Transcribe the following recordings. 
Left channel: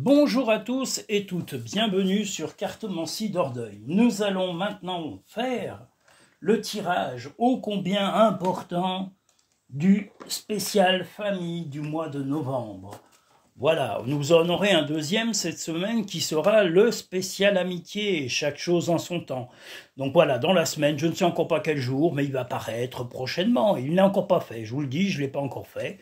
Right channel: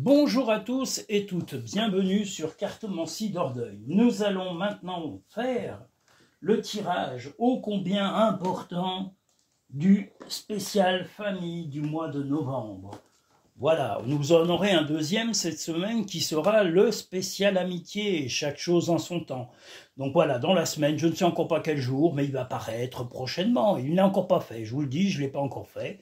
Bonjour à tous et toutes, bienvenue sur Cartomancie d'Ordeuil. Nous allons maintenant faire le tirage ô combien important du spécial famille du mois de novembre. Voilà, nous en aurons un deuxième cette semaine qui sera le spécial amitié, chaque chose en son temps. Donc voilà, dans la semaine, je ne sais encore pas quel jour, mais il va paraître prochainement. Il n'est encore pas fait, je vous le dis, je ne l'ai pas encore fait.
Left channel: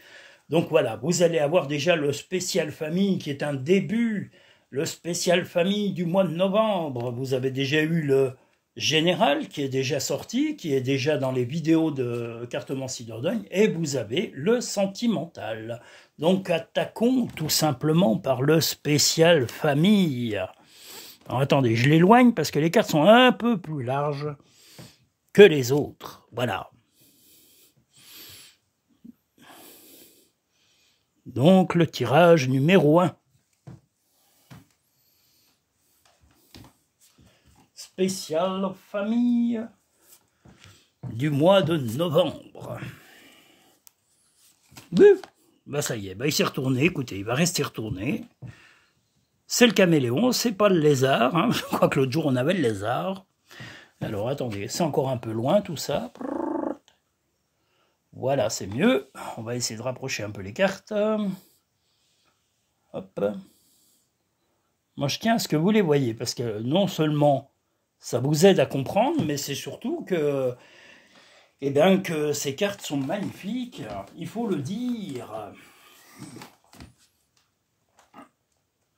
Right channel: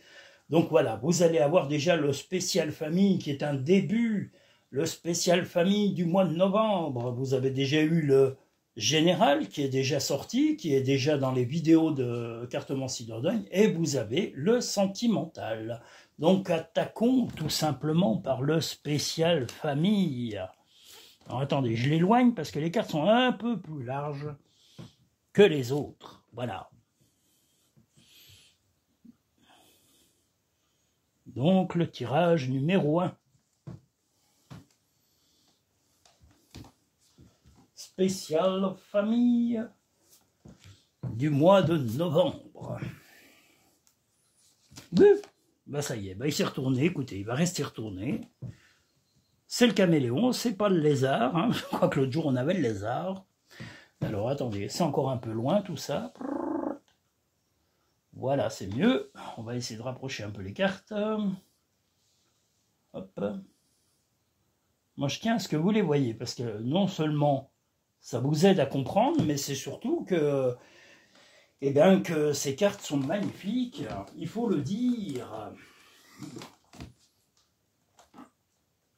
Donc voilà, vous allez avoir déjà le spécial famille qui est un début, le spécial famille du mois de novembre. Vous avez déjà eu le général qui est déjà sorti, qui est déjà dans les vidéos de Cartomancie d'Ordeuil, et vous avez le sentimental. Donc attaquons tout simplement par le spécial famille. Alors attendez, je l'éloigne parce que les cartes sont un peu plus larges que les autres. Voilà. Donc le tirage numéro 1. Spécial famille du mois de novembre. Oui, bah ça y est, bah il s'est retourné, écoutez, il va rester retourné. C'est le caméléon, c'est pas le lézard, hein. Je crois que l'autre jour on avait le lézard. Alors attendez, c'est encore un peu loin tout ça. Voilà, c'est mieux. On va essayer de rapprocher un peu les cartes. Hop. Moi, je tiens à ce que vous les voyez, parce que non seulement ça vous aide à comprendre, mais c'est surtout que, eh bien, que ces cartes sont magnifiques. Il faut le dire.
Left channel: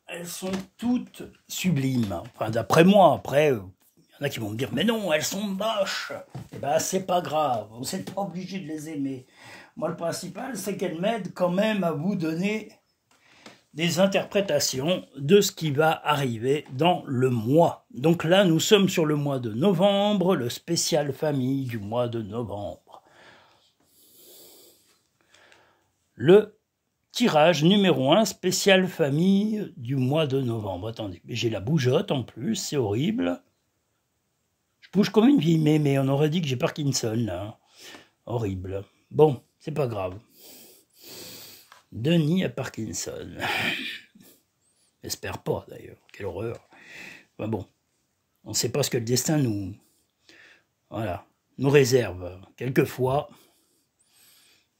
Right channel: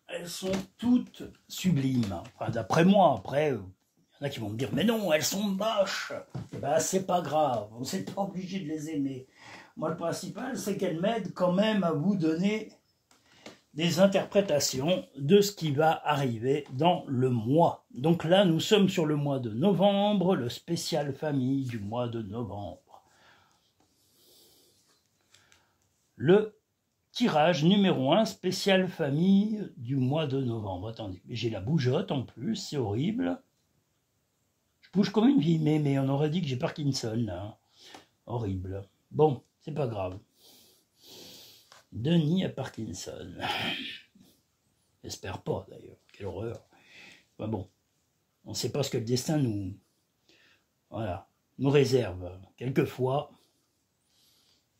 Elles sont toutes sublimes. Enfin, d'après moi, après... Il y en a qui vont me dire, mais non, elles sont moches. Eh bien, c'est pas grave, vous n'êtes pas obligé de les aimer. Moi, le principal, c'est qu'elles m'aident quand même à vous donner des interprétations de ce qui va arriver dans le mois. Donc là, nous sommes sur le mois de novembre, le spécial famille du mois de novembre. Le tirage numéro 1, spécial famille du mois de novembre. Attendez, j'ai la bougeotte en plus, c'est horrible. Je bouge comme une vieille mais on aurait dit que j'ai Parkinson, là. Horrible. Bon, c'est pas grave. Denis a Parkinson. J'espère pas, d'ailleurs. Quelle horreur. Enfin bon, on ne sait pas ce que le destin nous... Voilà, nous réserve. Quelquefois,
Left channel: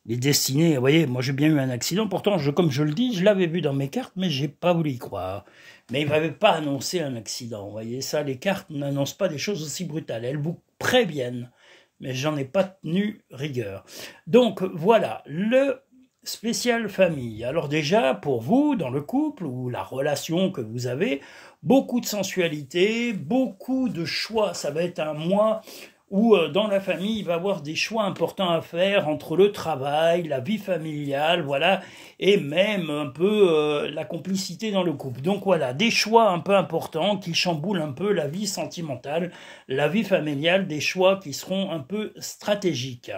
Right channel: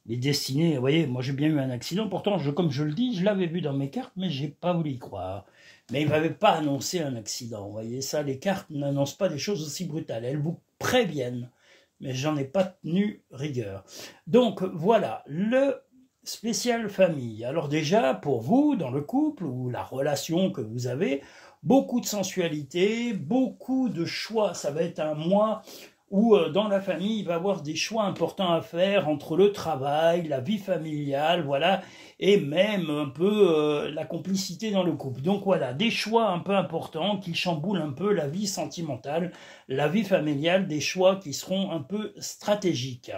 les destinées... Vous voyez, moi j'ai bien eu un accident. Pourtant, comme je le dis, je l'avais vu dans mes cartes, mais j'ai pas voulu y croire. Mais il ne m'avait pas annoncé un accident. Vous voyez, ça, les cartes n'annoncent pas des choses aussi brutales. Elles vous préviennent, mais j'en ai pas tenu rigueur. Donc, voilà, le spécial famille. Alors déjà, pour vous, dans le couple, ou la relation que vous avez, beaucoup de sensualité, beaucoup de choix. Ça va être un mois où, dans la famille, il va y avoir des choix importants à faire entre le travail, la vie familiale, voilà, et même un peu la complicité dans le couple. Donc voilà, des choix un peu importants qui chamboulent un peu la vie sentimentale, la vie familiale, des choix qui seront un peu stratégiques.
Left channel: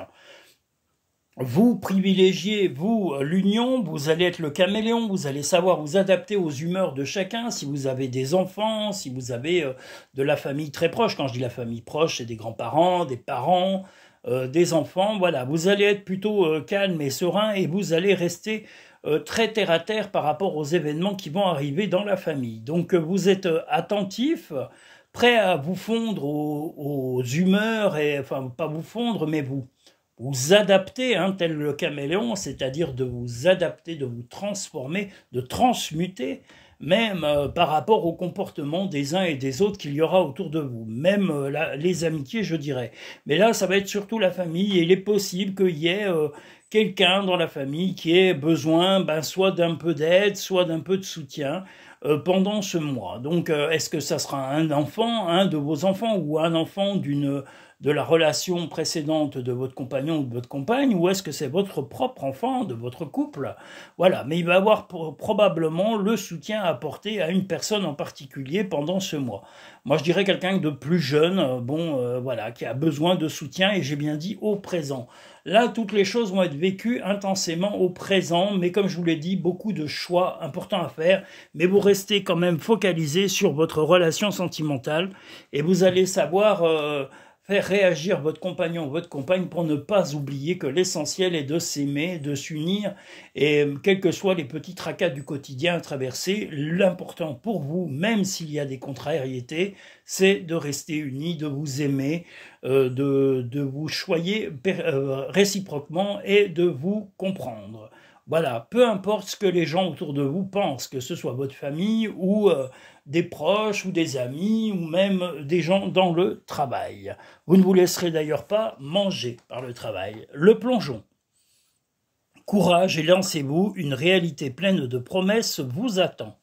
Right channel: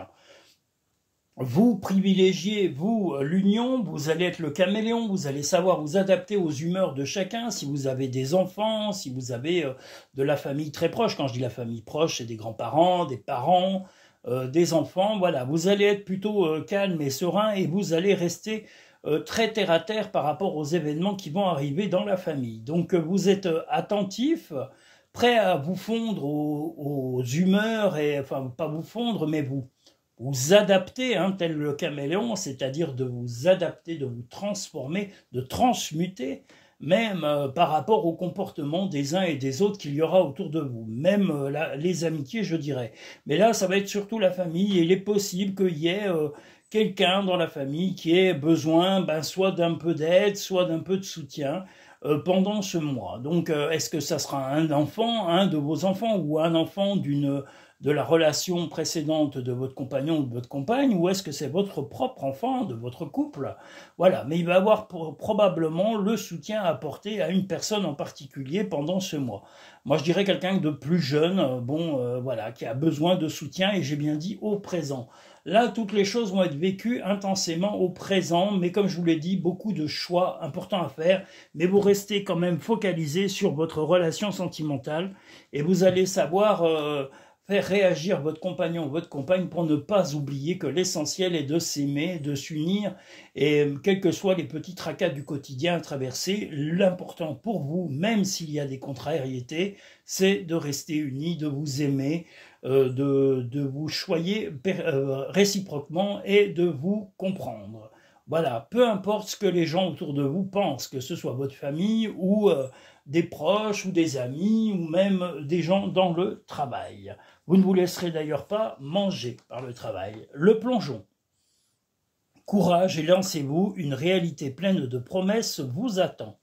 Vous privilégiez, vous, l'union, vous allez être le caméléon, vous allez savoir vous adapter aux humeurs de chacun, si vous avez des enfants, si vous avez de la famille très proche. Quand je dis la famille proche, c'est des grands-parents, des parents, des enfants, voilà. Vous allez être plutôt calme et serein et vous allez rester très terre-à-terre par rapport aux événements qui vont arriver dans la famille. Donc vous êtes attentif, prêt à vous fondre aux humeurs, et enfin pas vous fondre, mais vous adapter, hein, tel le caméléon, c'est-à-dire de vous adapter, de vous transformer, de transmuter, même par rapport au comportement des uns et des autres qu'il y aura autour de vous, même les amitiés, je dirais. Mais là, ça va être surtout la famille, et il est possible qu'il y ait quelqu'un dans la famille qui ait besoin soit d'un peu d'aide, soit d'un peu de soutien pendant ce mois. Donc, est-ce que ça sera un enfant, un de vos enfants, ou un enfant de la relation précédente de votre compagnon ou de votre compagne, ou est-ce que c'est votre propre enfant de votre couple? Voilà, mais il va avoir probablement le soutien à apporter à une personne en particulier pendant ce mois. Moi, je dirais quelqu'un de plus jeune, voilà, qui a besoin de soutien, et j'ai bien dit au présent. Là, toutes les choses vont être vécues intensément au présent, mais comme je vous l'ai dit, beaucoup de choix importants à faire, mais vous restez quand même focalisé sur votre relation sentimentale, et vous allez savoir faire réagir votre compagnon ou votre compagne pour ne pas oublier que l'essentiel est de s'aimer, de s'unir, et quels que soient les petits tracas du quotidien à traverser, l'important pour vous, même s'il y a des contrariétés, c'est de rester unis, de vous aimer, de vous choyer réciproquement et de vous comprendre. Voilà, peu importe ce que les gens autour de vous pensent, que ce soit votre famille ou des proches ou des amis ou même des gens dans le travail. Vous ne vous laisserez d'ailleurs pas manger par le travail. Le plongeon. Courage et lancez-vous, une réalité pleine de promesses vous attend.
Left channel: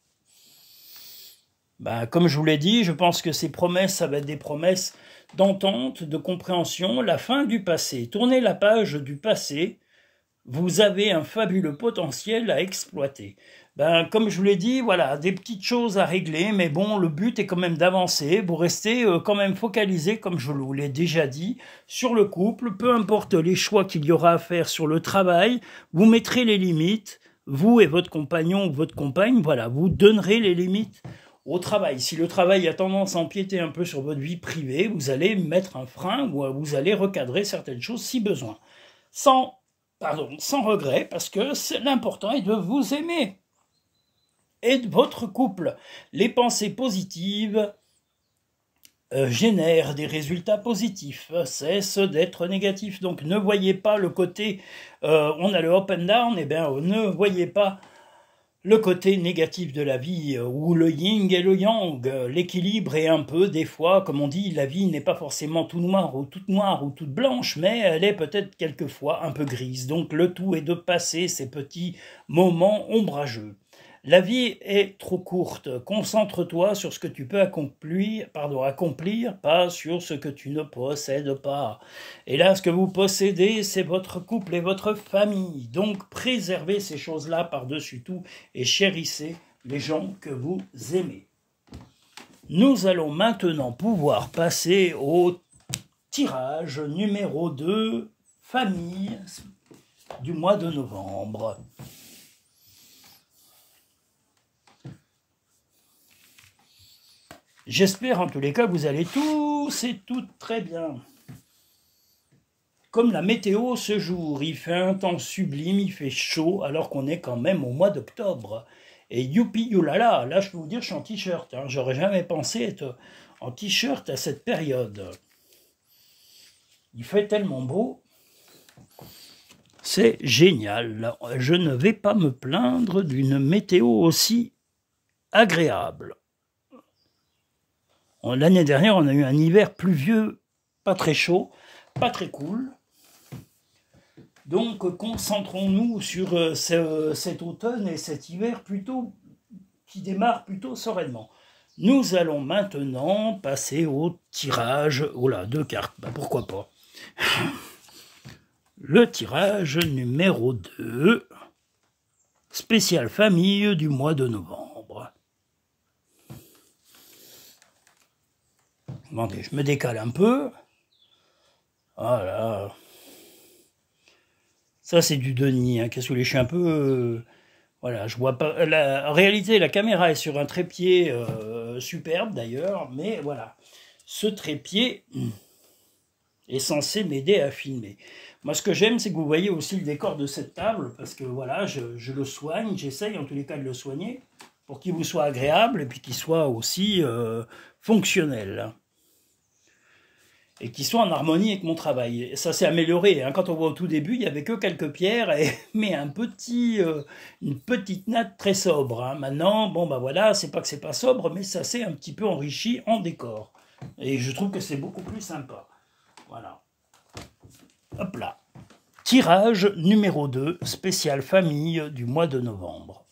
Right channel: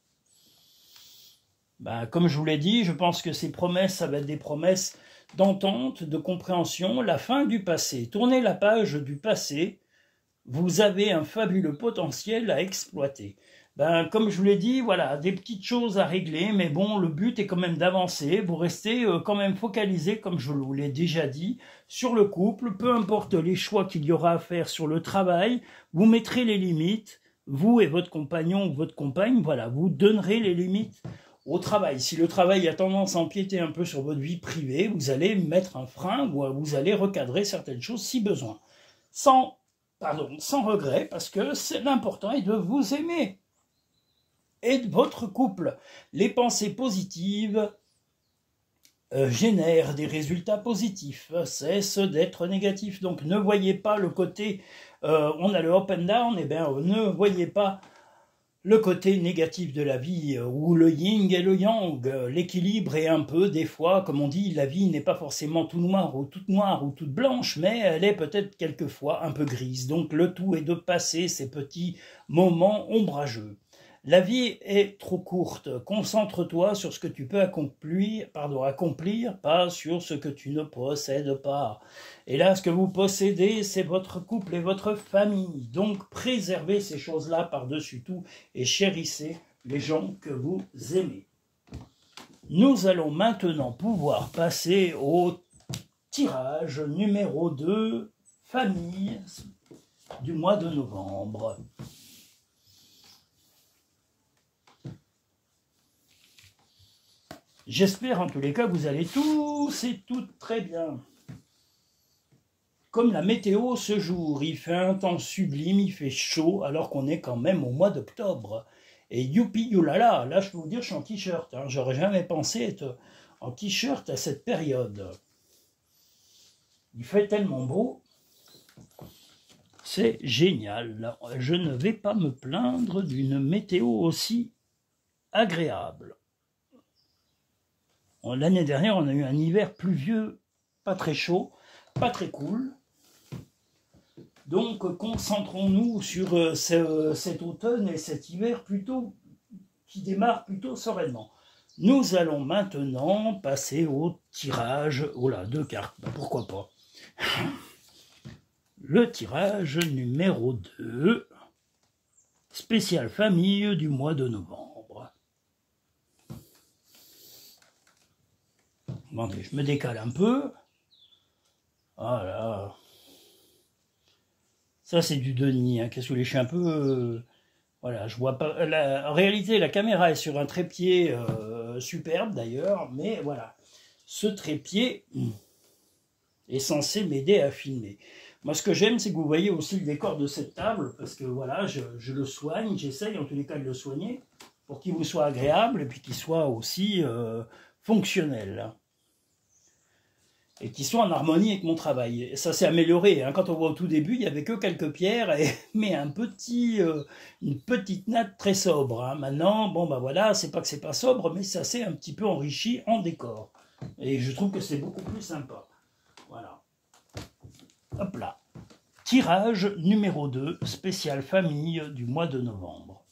Comme je vous l'ai dit, je pense que ces promesses, ça va être des promesses d'entente, de compréhension, la fin du passé. Tournez la page du passé, vous avez un fabuleux potentiel à exploiter. Comme je vous l'ai dit, voilà, des petites choses à régler, mais bon, le but est quand même d'avancer. Vous restez quand même focalisé, comme je vous l'ai déjà dit, sur le couple. Peu importe les choix qu'il y aura à faire sur le travail, vous mettrez les limites. Vous et votre compagnon ou votre compagne, voilà, vous donnerez les limites au travail. Si le travail a tendance à empiéter un peu sur votre vie privée, vous allez mettre un frein ou vous allez recadrer certaines choses si besoin. Sans regret, parce que l'important est de vous aimer et de votre couple. Les pensées positives génèrent des résultats positifs, cessent d'être négatifs. Donc ne voyez pas le côté, on a le up and down, ne voyez pas le côté négatif de la vie, ou le yin et le yang. L'équilibre est un peu, des fois, comme on dit, la vie n'est pas forcément tout noir ou toute blanche, mais elle est peut-être quelquefois un peu grise. Donc le tout est de passer ces petits moments ombrageux. La vie est trop courte. Concentre-toi sur ce que tu peux accomplir, pas sur ce que tu ne possèdes pas. Et là, ce que vous possédez, c'est votre couple et votre famille. Donc, préservez ces choses-là par-dessus tout et chérissez les gens que vous aimez. Nous allons maintenant pouvoir passer au tirage numéro 2, famille du mois de novembre. J'espère en tous les cas que vous allez tous et toutes très bien. Comme la météo ce jour, il fait un temps sublime, il fait chaud alors qu'on est quand même au mois d'octobre. Et youpi youlala, là je peux vous dire je suis en t-shirt, j'aurais jamais pensé être en t-shirt à cette période. Il fait tellement beau, c'est génial. Je ne vais pas me plaindre d'une météo aussi agréable. L'année dernière, on a eu un hiver pluvieux, pas très chaud, pas très cool. Donc, concentrons-nous sur cet automne et cet hiver qui démarre plutôt sereinement. Nous allons maintenant passer au tirage. Oh là, 2 cartes, pourquoi pas. Le tirage numéro 2, spécial famille du mois de novembre. Attendez, je me décale un peu. Voilà. Ça, c'est du Denis. Qu'est-ce que je suis un peu... voilà, je vois pas... En réalité, la caméra est sur un trépied superbe, d'ailleurs. Mais voilà, ce trépied est censé m'aider à filmer. Moi, ce que j'aime, c'est que vous voyez aussi le décor de cette table. Parce que, voilà, je le soigne. J'essaye, en tous les cas, de le soigner. Pour qu'il vous soit agréable et puis qu'il soit aussi fonctionnel. Et qui soit en harmonie avec mon travail. Et ça s'est amélioré. Quand on voit au tout début, il n'y avait que quelques pierres, mais une petite natte très sobre. Maintenant, voilà, c'est pas que c'est pas sobre, mais ça s'est un petit peu enrichi en décor. Et je trouve que c'est beaucoup plus sympa. Voilà. Hop là. Tirage numéro 2, spécial famille du mois de novembre.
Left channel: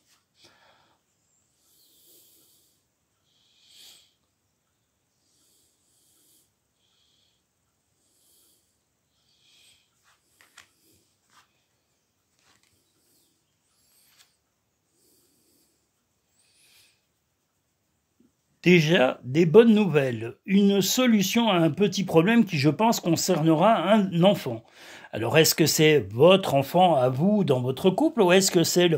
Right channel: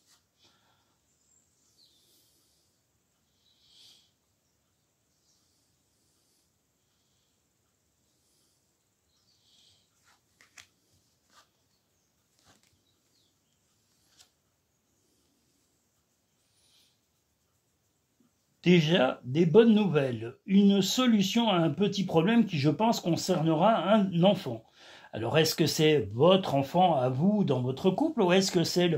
Déjà, des bonnes nouvelles. Une solution à un petit problème qui, je pense, concernera un enfant. Alors, est-ce que c'est votre enfant à vous dans votre couple ou est-ce que c'est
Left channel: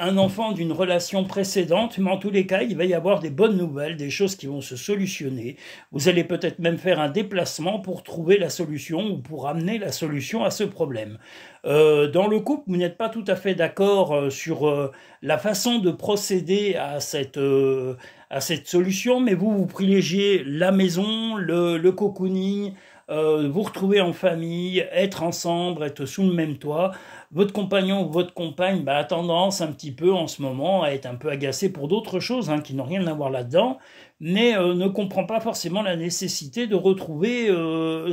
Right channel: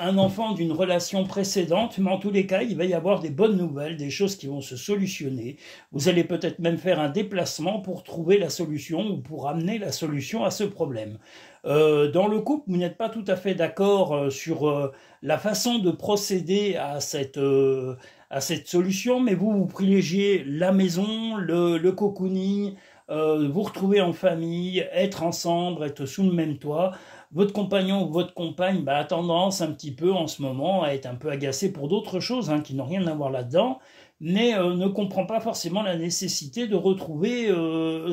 un enfant d'une relation précédente, mais en tous les cas, il va y avoir des bonnes nouvelles, des choses qui vont se solutionner. Vous allez peut-être même faire un déplacement pour trouver la solution ou pour amener la solution à ce problème. Dans le couple, vous n'êtes pas tout à fait d'accord sur la façon de procéder à cette solution, mais vous privilégiez la maison, le cocooning, vous retrouver en famille, être ensemble, être sous le même toit. Votre compagnon ou votre compagne a tendance un petit peu en ce moment à être un peu agacé pour d'autres choses qui n'ont rien à voir là-dedans, mais ne comprend pas forcément la nécessité de retrouver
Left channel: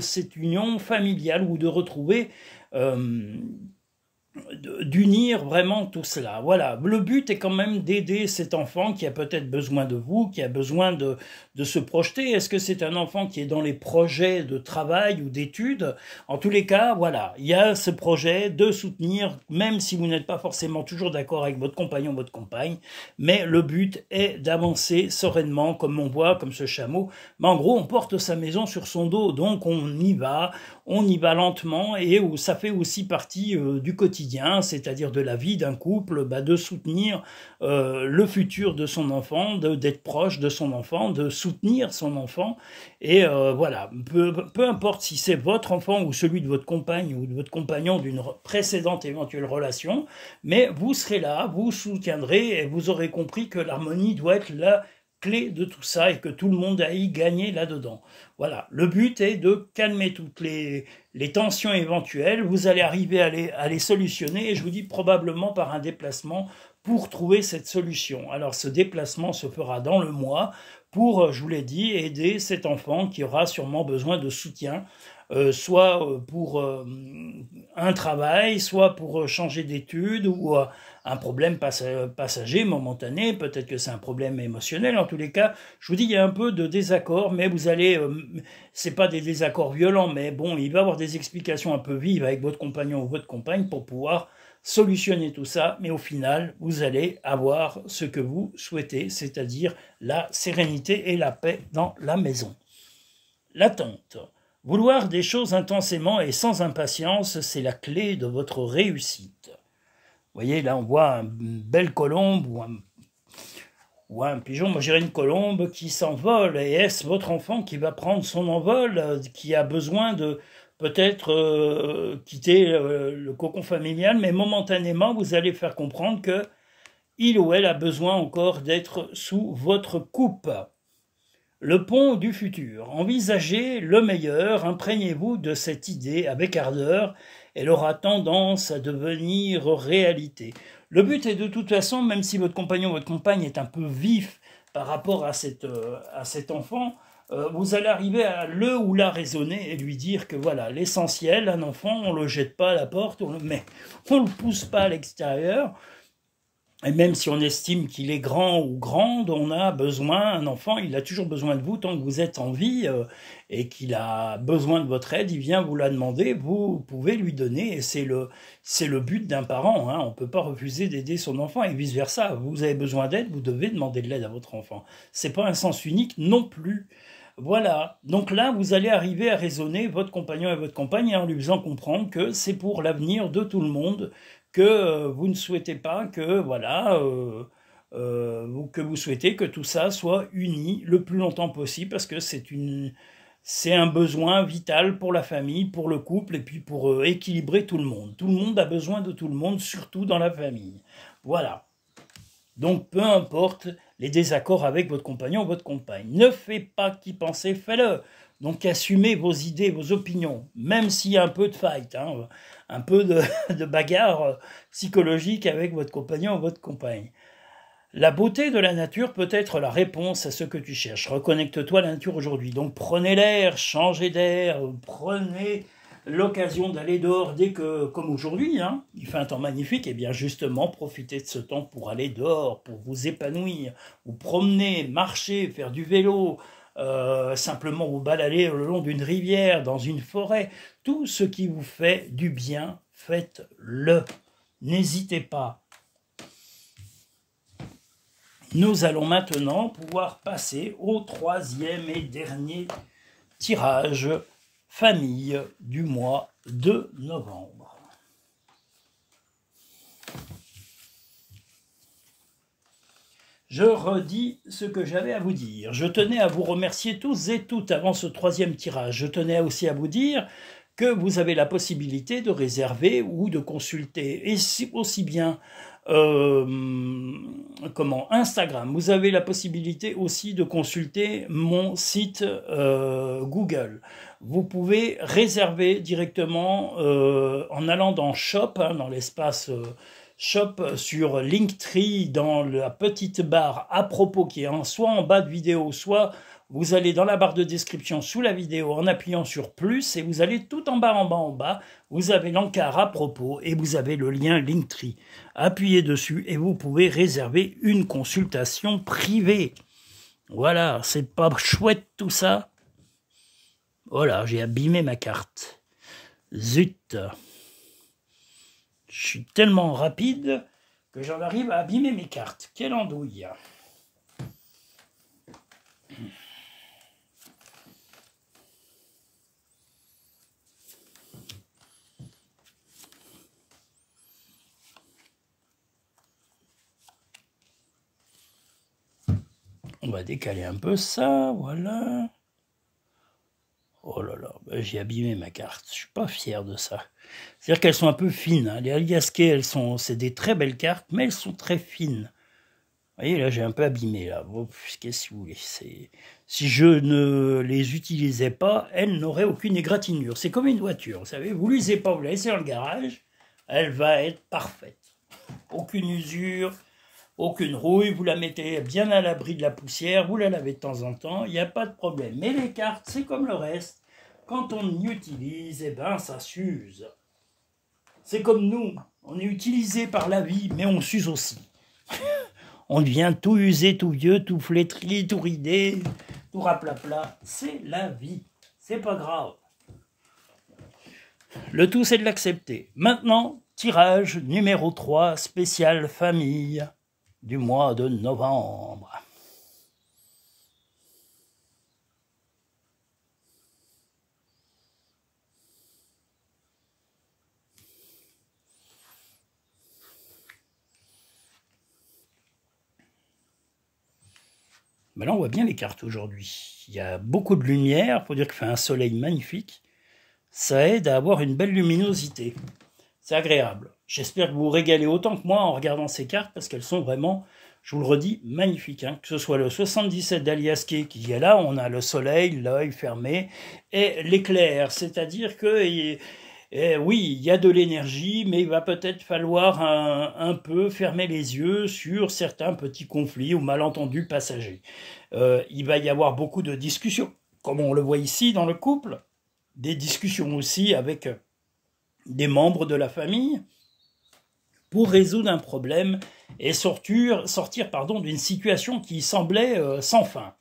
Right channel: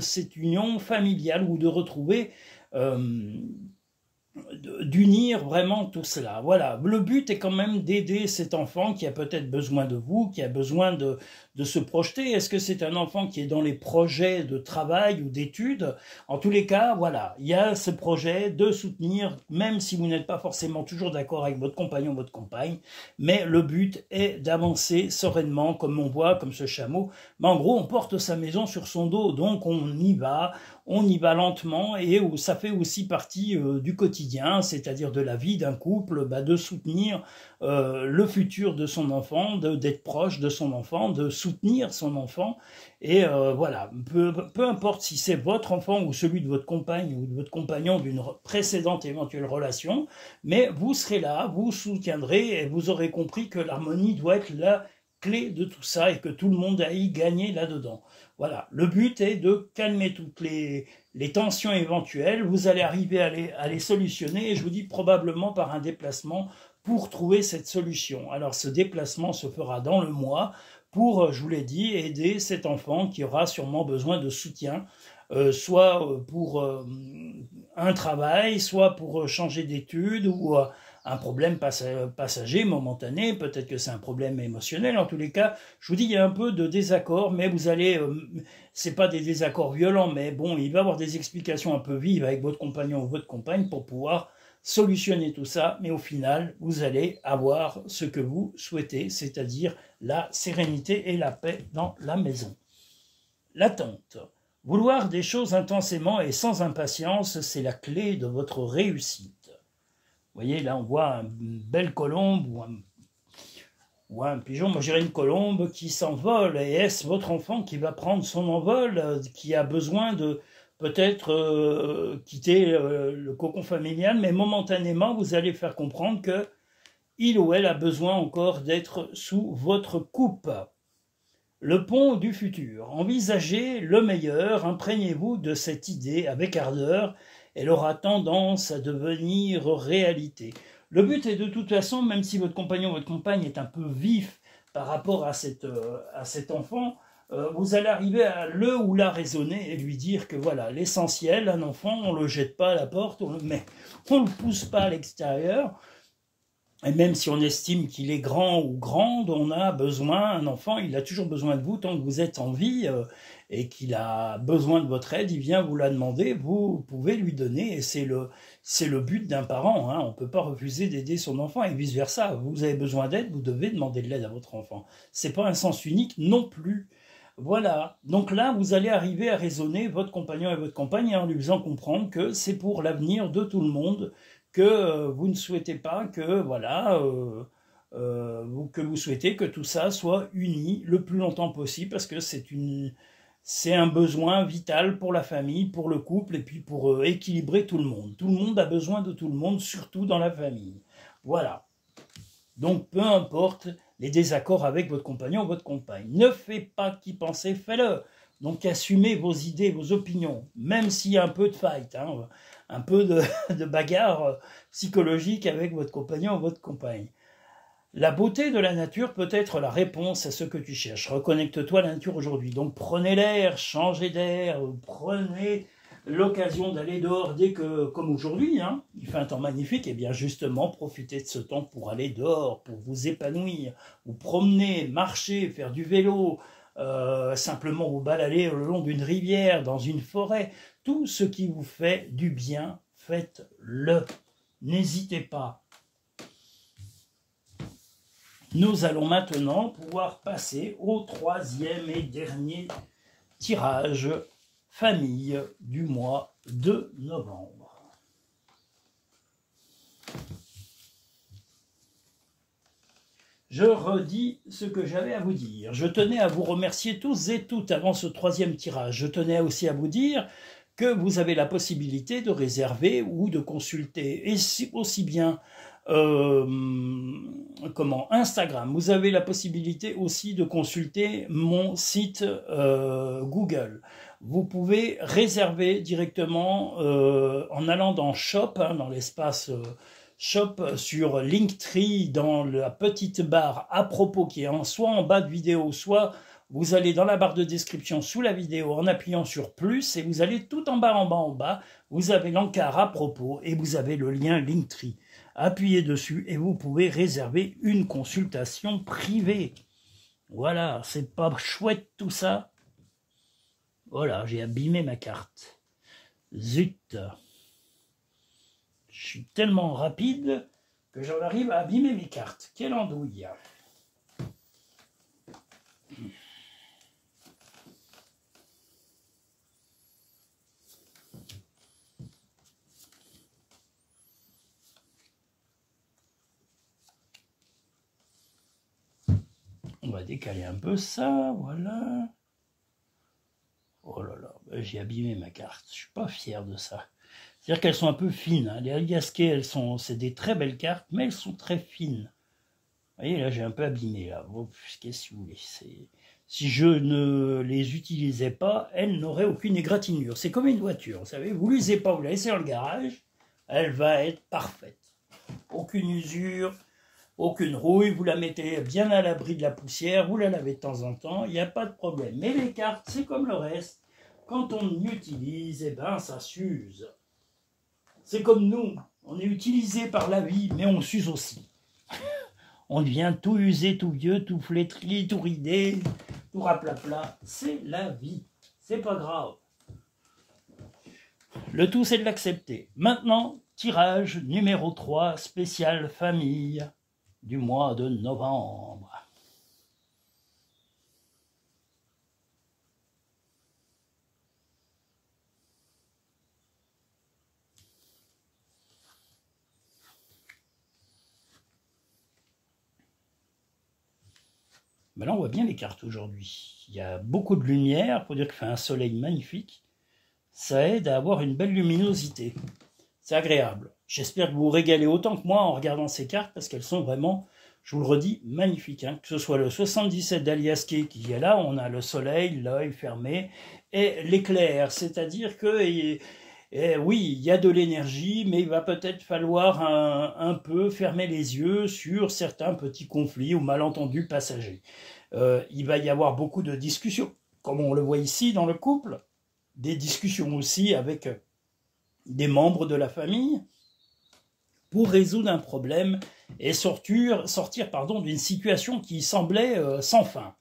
cette union familiale ou de retrouver d'unir vraiment tout cela. Voilà, le but est quand même d'aider cet enfant qui a peut-être besoin de vous, qui a besoin de se projeter. Est-ce que c'est un enfant qui est dans les projets de travail ou d'études? En tous les cas, voilà, il y a ce projet de soutenir, même si vous n'êtes pas forcément toujours d'accord avec votre compagnon ou votre compagne, mais le but est d'avancer sereinement, comme on voit, comme ce chameau. Mais en gros, on porte sa maison sur son dos, donc on y va lentement, et ça fait aussi partie du quotidien, c'est-à-dire de la vie d'un couple, de soutenir le futur de son enfant, d'être proche de son enfant, de soutenir son enfant, et voilà, peu importe si c'est votre enfant ou celui de votre compagne ou de votre compagnon d'une précédente éventuelle relation, mais vous serez là, vous soutiendrez, et vous aurez compris que l'harmonie doit être la clé de tout ça et que tout le monde a y gagné là-dedans. Voilà, le but est de calmer toutes les tensions éventuelles, vous allez arriver à les solutionner, et je vous dis probablement par un déplacement pour trouver cette solution. Alors ce déplacement se fera dans le mois pour, je vous l'ai dit, aider cet enfant qui aura sûrement besoin de soutien, soit pour un travail, soit pour changer d'études ou un problème passager, momentané, peut-être que c'est un problème émotionnel. En tous les cas, je vous dis, il y a un peu de désaccord, mais vous allez, c'est pas des désaccords violents, mais bon, il va y avoir des explications un peu vives avec votre compagnon ou votre compagne pour pouvoir solutionner tout ça, mais au final, vous allez avoir ce que vous souhaitez, c'est-à-dire la sérénité et la paix dans la maison. L'attente. Vouloir des choses intensément et sans impatience, c'est la clé de votre réussite. Vous voyez, là, on voit une belle colombe ou un pigeon, moi je dirais une colombe qui s'envole. Et est-ce votre enfant qui va prendre son envol, qui a besoin de peut-être quitter le cocon familial, mais momentanément, vous allez faire comprendre que il ou elle a besoin encore d'être sous votre coupe. Le pont du futur. Envisagez le meilleur, imprégnez-vous de cette idée avec ardeur, elle aura tendance à devenir réalité. Le but est de toute façon, même si votre compagnon ou votre compagne est un peu vif par rapport à cet enfant, vous allez arriver à le ou la raisonner et lui dire que voilà, l'essentiel, un enfant, on ne le jette pas à la porte, on le pousse pas à l'extérieur. Et même si on estime qu'il est grand ou grande, on a besoin, un enfant, il a toujours besoin de vous tant que vous êtes en vie et qu'il a besoin de votre aide, il vient vous la demander, vous pouvez lui donner, et c'est le but d'un parent. On ne peut pas refuser d'aider son enfant et vice-versa. Vous avez besoin d'aide, vous devez demander de l'aide à votre enfant. Ce n'est pas un sens unique non plus. Voilà, donc là, vous allez arriver à raisonner votre compagnon et votre compagne en lui faisant comprendre que c'est pour l'avenir de tout le monde, que vous ne souhaitez pas que, voilà, que vous souhaitez que tout ça soit uni le plus longtemps possible, parce que c'est un besoin vital pour la famille, pour le couple, et puis pour équilibrer tout le monde. Tout le monde a besoin de tout le monde, surtout dans la famille. Voilà. Donc, peu importe les désaccords avec votre compagnon ou votre compagne. Ne faites pas qu'y penser, faites-le. Donc, assumez vos idées, vos opinions, même s'il y a un peu de fight, un peu de bagarre psychologique avec votre compagnon ou votre compagne. La beauté de la nature peut être la réponse à ce que tu cherches. Reconnecte-toi à la nature aujourd'hui. Donc prenez l'air, changez d'air, prenez l'occasion d'aller dehors dès que, comme aujourd'hui, il fait un temps magnifique, et bien justement profitez de ce temps pour aller dehors, pour vous épanouir, vous promener, marcher, faire du vélo, simplement vous balader le long d'une rivière, dans une forêt. Tout ce qui vous fait du bien, faites-le. N'hésitez pas. Nous allons maintenant pouvoir passer au troisième et dernier tirage famille du mois de novembre. je redis ce que j'avais à vous dire. Je tenais à vous remercier tous et toutes avant ce 3e tirage. Je tenais aussi à vous dire que vous avez la possibilité de réserver ou de consulter, et aussi bien Instagram. Vous avez la possibilité aussi de consulter mon site Google. Vous pouvez réserver directement en allant dans Shop, hein, dans l'espace Shop sur Linktree, dans la petite barre à propos qui est soit en bas de vidéo, soit vous allez dans la barre de description sous la vidéo en appuyant sur plus et vous allez tout en bas, vous avez l'encart à propos et vous avez le lien Linktree. Appuyez dessus et vous pouvez réserver une consultation privée. Voilà, c'est pas chouette tout ça? Voilà, j'ai abîmé ma carte. Zut! Je suis tellement rapide que j'en arrive à abîmer mes cartes. Quelle andouille! On va décaler un peu ça, voilà. Oh là là, j'ai abîmé ma carte. Je suis pas fier de ça. C'est-à-dire qu'elles sont un peu fines. Hein. Les Aliasquais, c'est des très belles cartes, mais elles sont très fines. Vous voyez, là, j'ai un peu abîmé. Là. Bon, qu'est-ce que vous voulez? Si je ne les utilisais pas, elles n'auraient aucune égratignure. C'est comme une voiture, vous savez. Vous ne l'usez pas, vous la laissez dans le garage, elle va être parfaite. Aucune usure, aucune rouille, vous la mettez bien à l'abri de la poussière, vous la lavez de temps en temps, il n'y a pas de problème. Mais les cartes, c'est comme le reste. Quand on y utilise, eh ben, ça s'use. C'est comme nous, on est utilisé par la vie, mais on s'use aussi. On devient tout usé, tout vieux, tout flétri, tout ridé, tout raplapla. C'est la vie, c'est pas grave. Le tout, c'est de l'accepter. Maintenant, tirage numéro 3, spécial famille du mois de novembre. Ben là, on voit bien les cartes aujourd'hui. Il y a beaucoup de lumière, pour dire qu'il fait un soleil magnifique. Ça aide à avoir une belle luminosité. C'est agréable. J'espère que vous vous régalez autant que moi en regardant ces cartes, parce qu'elles sont vraiment, je vous le redis, magnifiques. Hein. Que ce soit le 77 d'Aliasqué qui est là, on a le soleil, l'œil fermé, et l'éclair. C'est-à-dire que... oui, il y a de l'énergie, mais il va peut-être falloir un peu fermer les yeux sur certains petits conflits ou malentendus passagers. Il va y avoir beaucoup de discussions, comme on le voit ici dans le couple, des discussions aussi avec des membres de la famille pour résoudre un problème et sortir d'une situation qui semblait sans fin.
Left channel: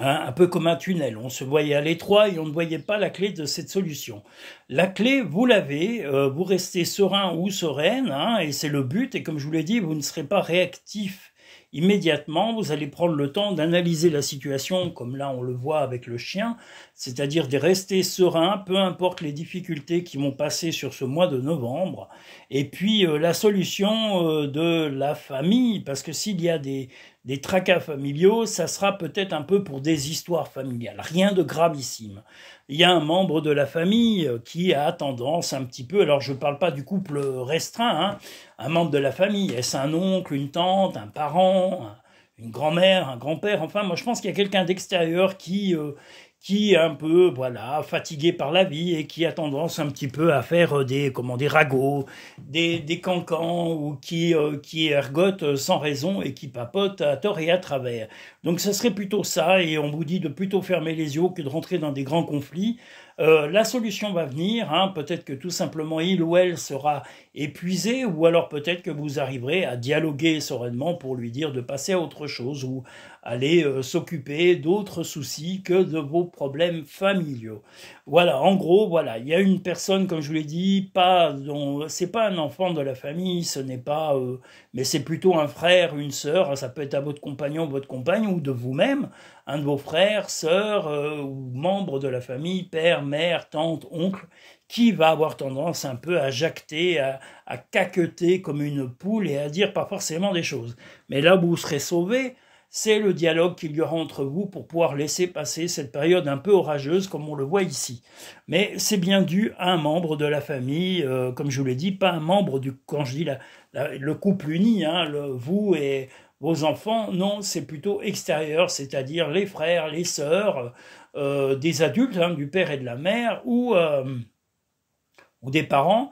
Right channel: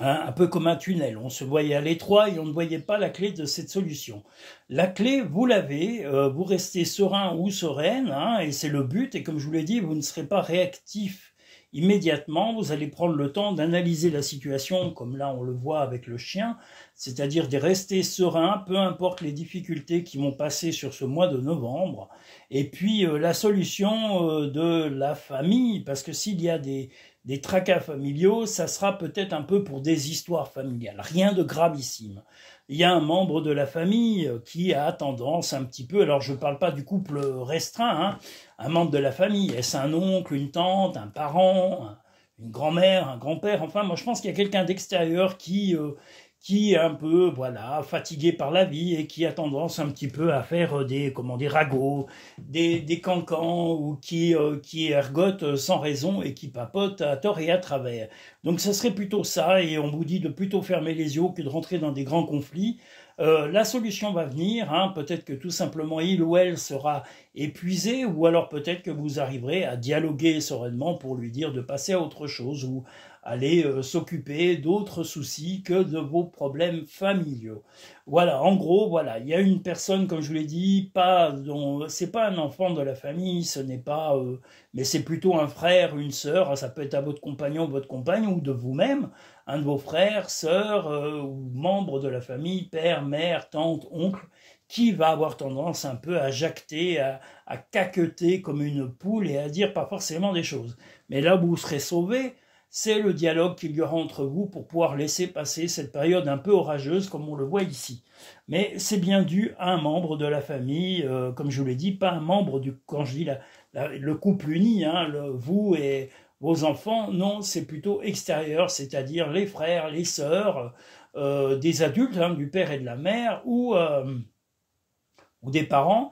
Hein, un peu comme un tunnel, on se voyait à l'étroit et on ne voyait pas la clé de cette solution. La clé, vous l'avez, vous restez serein ou sereine, hein, et c'est le but, et comme je vous l'ai dit, vous ne serez pas réactif immédiatement, vous allez prendre le temps d'analyser la situation, comme là on le voit avec le chien, c'est-à-dire de rester serein, peu importe les difficultés qui vont passer sur ce mois de novembre, et puis la solution de la famille, parce que s'il y a des tracas familiaux, ça sera peut-être un peu pour des histoires familiales, rien de gravissime. Il y a un membre de la famille qui a tendance un petit peu, alors je ne parle pas du couple restreint, hein, un membre de la famille, est-ce un oncle, une tante, un parent, une grand-mère, un grand-père, enfin moi je pense qu'il y a quelqu'un d'extérieur qui est un peu voilà fatigué par la vie et qui a tendance un petit peu à faire des ragots, des cancans ou qui ergote sans raison et qui papote à tort et à travers. Donc ce serait plutôt ça et on vous dit de plutôt fermer les yeux que de rentrer dans des grands conflits. La solution va venir, hein, peut-être que tout simplement il ou elle sera épuisé ou alors peut-être que vous arriverez à dialoguer sereinement pour lui dire de passer à autre chose ou aller s'occuper d'autres soucis que de vos problèmes familiaux. Voilà, en gros, voilà, il y a une personne, comme je vous l'ai dit, c'est pas un enfant de la famille, ce n'est pas, mais c'est plutôt un frère, une sœur, ça peut être à votre compagnon, votre compagne, ou de vous-même, un de vos frères, sœurs, ou membres de la famille, père, mère, tante, oncle, qui va avoir tendance un peu à jacter, à caqueter comme une poule et à dire pas forcément des choses. Mais là où vous serez sauvé, c'est le dialogue qu'il y aura entre vous pour pouvoir laisser passer cette période un peu orageuse comme on le voit ici. Mais c'est bien dû à un membre de la famille, comme je vous l'ai dit, pas un membre du, quand je dis le couple uni, hein, vous et vos enfants, non, c'est plutôt extérieur, c'est-à-dire les frères, les sœurs, des adultes, hein, du père et de la mère, ou des parents,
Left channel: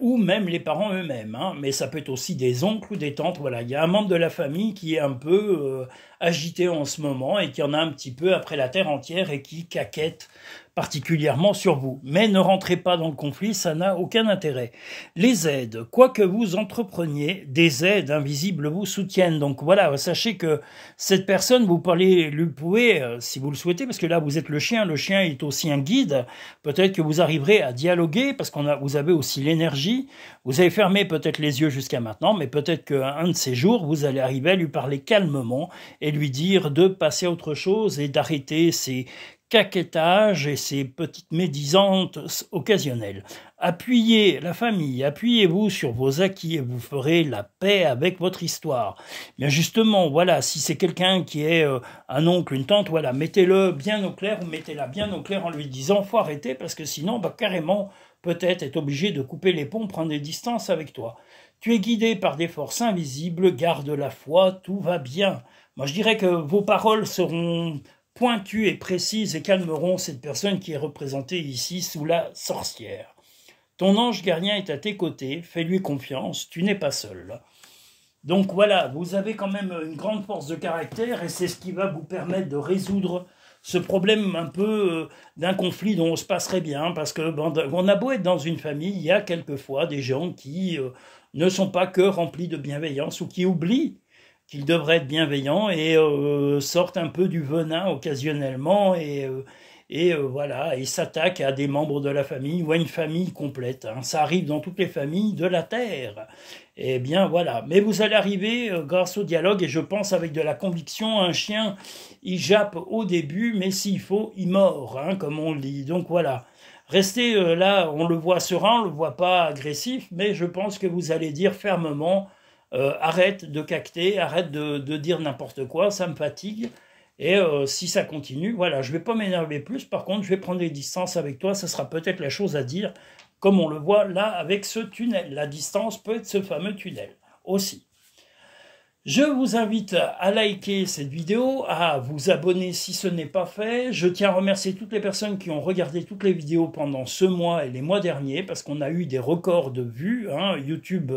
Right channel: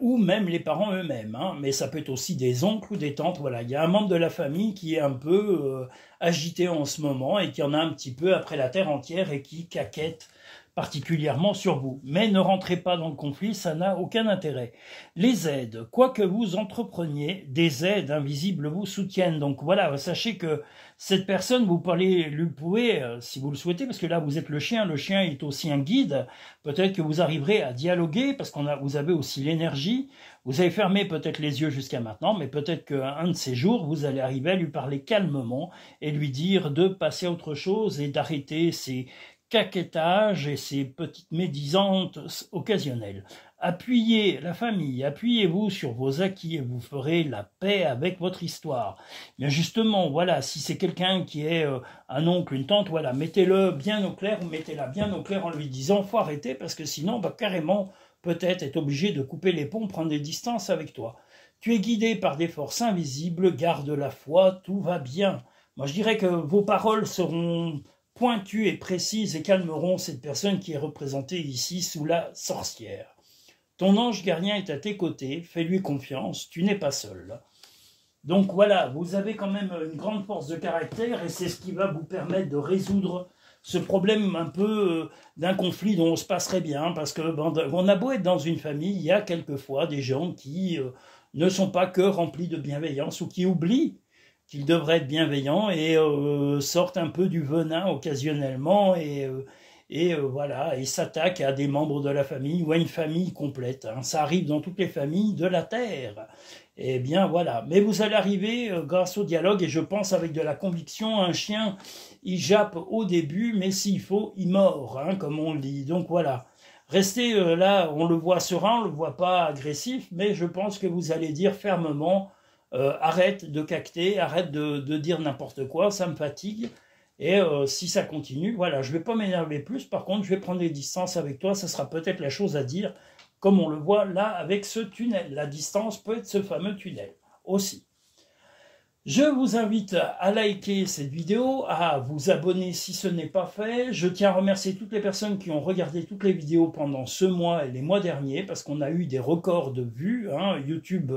ou même les parents eux-mêmes, hein. Mais ça peut être aussi des oncles ou des tantes, voilà. Il y a un membre de la famille qui est un peu agité en ce moment et qui en a un petit peu après la terre entière et qui caquette particulièrement sur vous. Mais ne rentrez pas dans le conflit, ça n'a aucun intérêt. Les aides, quoi que vous entrepreniez, des aides invisibles vous soutiennent. Donc voilà, sachez que cette personne, vous pouvez, si vous le souhaitez, parce que là vous êtes le chien est aussi un guide, peut-être que vous arriverez à dialoguer, parce vous avez aussi l'énergie, vous avez fermé peut-être les yeux jusqu'à maintenant, mais peut-être qu'un de ces jours, vous allez arriver à lui parler calmement et lui dire de passer à autre chose et d'arrêter ces caquettage et ces petites médisantes occasionnelles. Appuyez la famille, appuyez-vous sur vos acquis et vous ferez la paix avec votre histoire. Bien justement, voilà, si c'est quelqu'un qui est un oncle, une tante, voilà, mettez-le bien au clair ou mettez-la bien au clair en lui disant faut arrêter parce que sinon, carrément, peut-être être obligé de couper les ponts, prendre des distances avec toi. Tu es guidé par des forces invisibles, garde la foi, tout va bien. Moi, je dirais que vos paroles seront pointues et précises et calmeront cette personne qui est représentée ici sous la sorcière. Ton ange gardien est à tes côtés, fais-lui confiance, tu n'es pas seul. Donc voilà, vous avez quand même une grande force de caractère et c'est ce qui va vous permettre de résoudre ce problème un peu d'un conflit dont on se passerait bien, parce que on a beau être dans une famille, il y a quelquefois des gens qui ne sont pas que remplis de bienveillance ou qui oublient qu'ils devraient être bienveillants et sortent un peu du venin occasionnellement et voilà, et s'attaquent à des membres de la famille ou à une famille complète. Hein. Ça arrive dans toutes les familles de la Terre. Eh bien voilà, mais vous allez arriver grâce au dialogue et je pense avec de la conviction, un chien, il jappe au début, mais s'il faut, il mord, hein, comme on le dit. Donc voilà, restez là, on le voit serein, on le voit pas agressif, mais je pense que vous allez dire fermement, arrête de cacter, arrête de dire n'importe quoi, ça me fatigue. Et si ça continue, voilà, je ne vais pas m'énerver plus, par contre, je vais prendre les distances avec toi, ça sera peut-être la chose à dire, comme on le voit là avec ce tunnel. La distance peut être ce fameux tunnel aussi. Je vous invite à liker cette vidéo, à vous abonner si ce n'est pas fait. Je tiens à remercier toutes les personnes qui ont regardé toutes les vidéos pendant ce mois et les mois derniers, parce qu'on a eu des records de vues. Hein. YouTube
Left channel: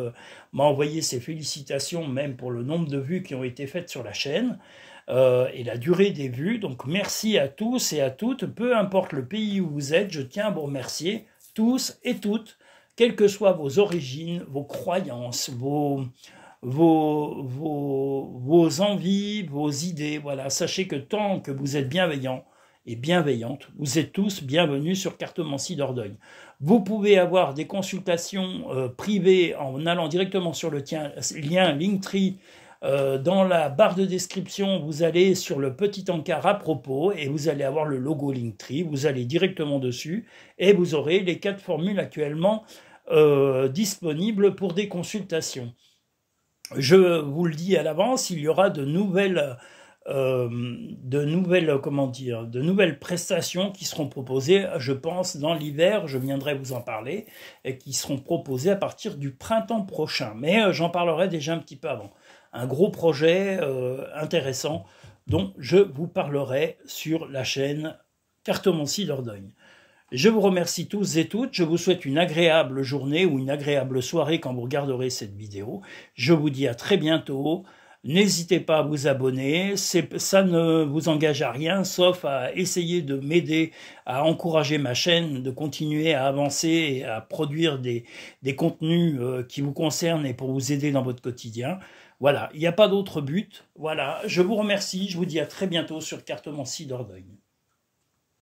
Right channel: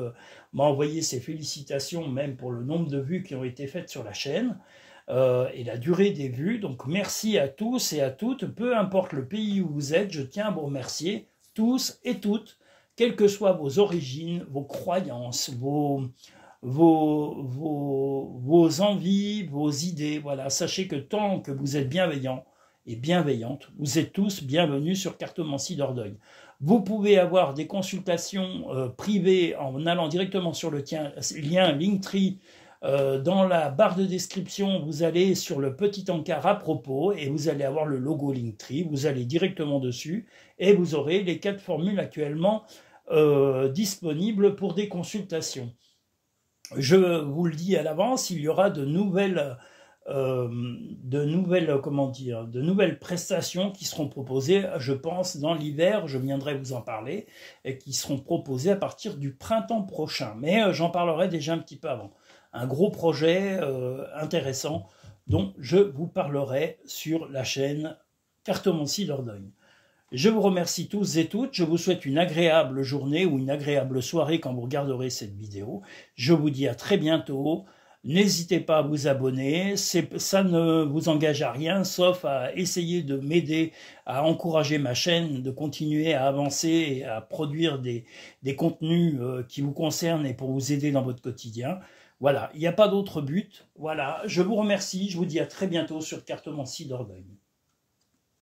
m'a envoyé ses félicitations, même pour le nombre de vues qui ont été faites sur la chaîne. Et la durée des vues. Donc merci à tous et à toutes, peu importe le pays où vous êtes, je tiens à vous remercier tous et toutes, quelles que soient vos origines, vos croyances, vos envies, vos idées. Voilà, sachez que tant que vous êtes bienveillants et bienveillantes, vous êtes tous bienvenus sur Cartomancie Dordogne. Vous pouvez avoir des consultations privées en allant directement sur le lien Linktree. Dans la barre de description, vous allez sur le petit encart à propos et vous allez avoir le logo Linktree. Vous allez directement dessus et vous aurez les 4 formules actuellement disponibles pour des consultations. Je vous le dis à l'avance, il y aura de nouvelles prestations qui seront proposées, je pense, dans l'hiver, je viendrai vous en parler, et qui seront proposées à partir du printemps prochain. Mais j'en parlerai déjà un petit peu avant. Un gros projet intéressant dont je vous parlerai sur la chaîne Cartomancie Dordogne. Je vous remercie tous et toutes, je vous souhaite une agréable journée ou une agréable soirée quand vous regarderez cette vidéo. Je vous dis à très bientôt, n'hésitez pas à vous abonner, ça ne vous engage à rien, sauf à essayer de m'aider à encourager ma chaîne, de continuer à avancer et à produire des contenus qui vous concernent et pour vous aider dans votre quotidien. Voilà, il n'y a pas d'autre but. Voilà, je vous remercie, je vous dis à très bientôt sur Cartomancie Dordogne.